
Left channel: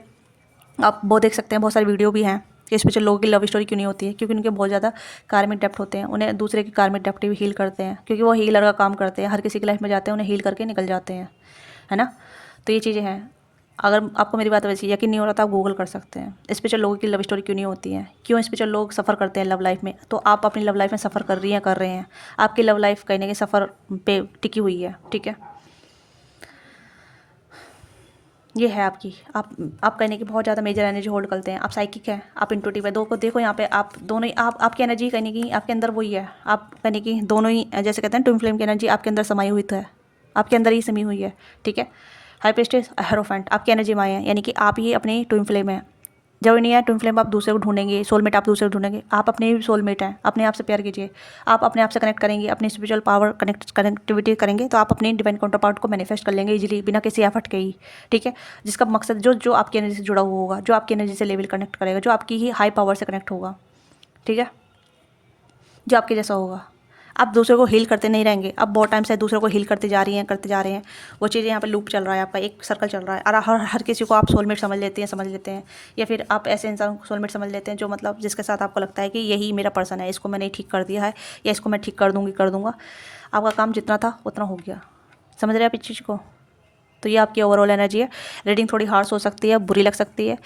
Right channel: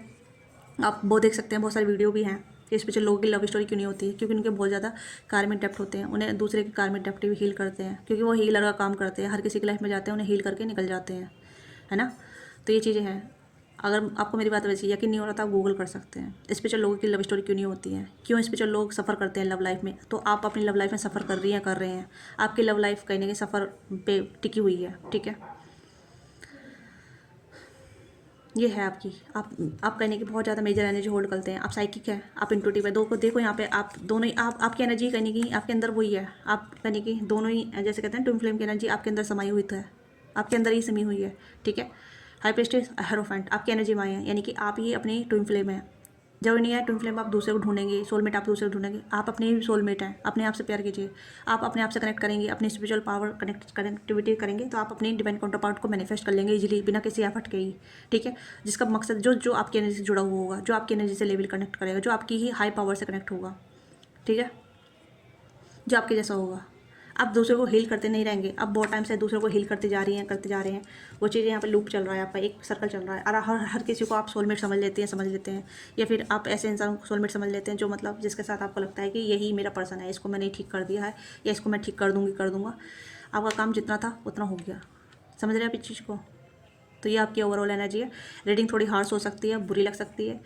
आप वो देख सकते हैं, बहुत सारी वीडियो भी हैं कि स्पेशल लोगों की लव स्टोरी क्यों नहीं होती है, क्योंकि उनके बहुत ज़्यादा कार्मिक डेप्थ होते हैं, उन्हें दूसरे के कार्मिक डेप्थ भी हील करते हैं, क्योंकि वो हीलर का काम करते हैं, हर किसी की लाइफ में जाते हैं, उन्हें हील करके निकल जाते हैं, है ना। तो ये चीज़ें हैं, अगर आपको मेरी बात वैसे यकीन नहीं हो रहा तो आप गूगल कर सकते हैं, स्पेशल लोगों की लव स्टोरी क्यों नहीं होती है, क्यों स्पेशल लोग सफ़र करते हैं लव लाइफ में, तो आप अपनी लव लाइफ में सफ़र कर रहे हैं, आपकी लव लाइफ कहीं ना कहीं सफ़र पे टिकी हुई है, ठीक है। ये है आपकी, आप कहने की बहुत ज़्यादा मेजर एनर्जी होल्ड करते हैं, आप साइकिक हैं, आप इंट्यूटिव है, दो को देखो यहाँ पे आप दोनों ही, आपकी एनर्जी कहने की आपके अंदर वही है, आप कहने की दोनों ही जैसे कहते हैं ट्विन फ्लेम की एनर्जी आपके अंदर समाई हुई तो है, आपके अंदर ही समी हुई है, ठीक है। हाई प्रीस्टेस हेरोफेंट आपकी एनर्जी में आए हैं, यानी कि आप ही अपनी ट्विन फ्लेम है, जरूरी नहीं है ट्विन फ्लेम आप दूसरे को ढूंढेंगे, सोलमेट आप दूसरे को ढूंढेंगे, आप अपने ही सोलमेट हैं। अपने आप से प्यार कीजिए, आप अपने आप से कनेक्ट करेंगे, अपनी स्पिरिचुअल पावर कनेक्टिविटी करेंगे तो आप अपनी डिवाइन काउंटर पार्ट को मैनिफेस्ट कर लेंगे इजीली, बिना किसी एफर्ट के ही। ठीक है, जिसका मकसद जो जो आपकी एनर्जी से जुड़ा हुआ होगा, जो आपकी एनर्जी से लेवल कनेक्ट करेगा, जो आपकी ही हाई पावर से कनेक्ट होगा। ठीक है, जो आपके जैसा होगा। आप दूसरे को हील करते नहीं रहेंगे, अब बहुत टाइम से दूसरे को हील करते जा रही हैं, करते जा रहे हैं, वो चीज़ें यहाँ पे लूप चल रहा है, आपका एक सर्कल चल रहा है। और हर किसी को आप सोलमेट समझ लेते हैं, या फिर आप ऐसे इंसान को सोलमेट समझ लेते हैं जो मतलब जिसके साथ आपको लगता है कि यही मेरा पर्सन है, इसको मैंने ठीक कर दिया है, या इसको मैं ठीक कर दूँगा। आपका काम जितना था उतना हो गया। समझ रहे हैं आप इस चीज़ को? तो ये आपकी ओवरऑल एनर्जी है। रीडिंग थोड़ी हार्श हो सकती है, बुरी लग सकती है,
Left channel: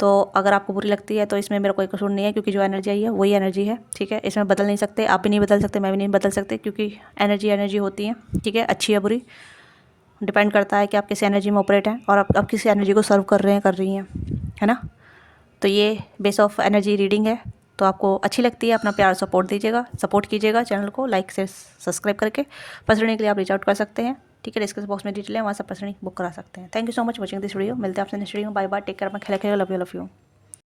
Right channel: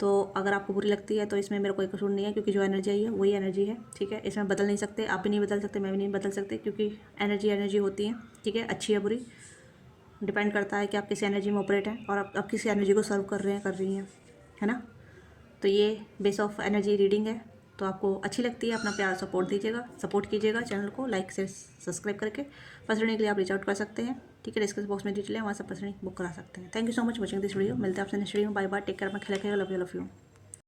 तो अगर आपको बुरी लगती है तो इसमें मेरा कोई कसूर नहीं है, क्योंकि जो एनर्जी आई है वही एनर्जी है। ठीक है, इसमें बदल नहीं सकते, आप भी नहीं बदल सकते, मैं भी नहीं बदल सकते, क्योंकि एनर्जी होती है। ठीक है, अच्छी या बुरी डिपेंड करता है कि आप किस एनर्जी में ऑपरेट हैं और आप किस एनर्जी को सर्व कर रहे हैं, कर रही हैं, है ना। तो ये बेस ऑफ एनर्जी रीडिंग है। तो आपको अच्छी लगती है, अपना प्यार सपोर्ट दीजिएगा, सपोर्ट कीजिएगा चैनल को लाइक से सब्सक्राइब करके। पर्सनली के लिए आप रीच आउट कर सकते हैं। ठीक है, डिस्क्रिप्शन बॉक्स में डिटेल है, वहाँ से पर्सनली बुक करा सकते हैं। Thank you so much watching this video. मिलते हैं आपसे नेक्स्ट वीडियो में। बाय बाय, टेक केयर, अपना ख्याल रखिएगा। Love you.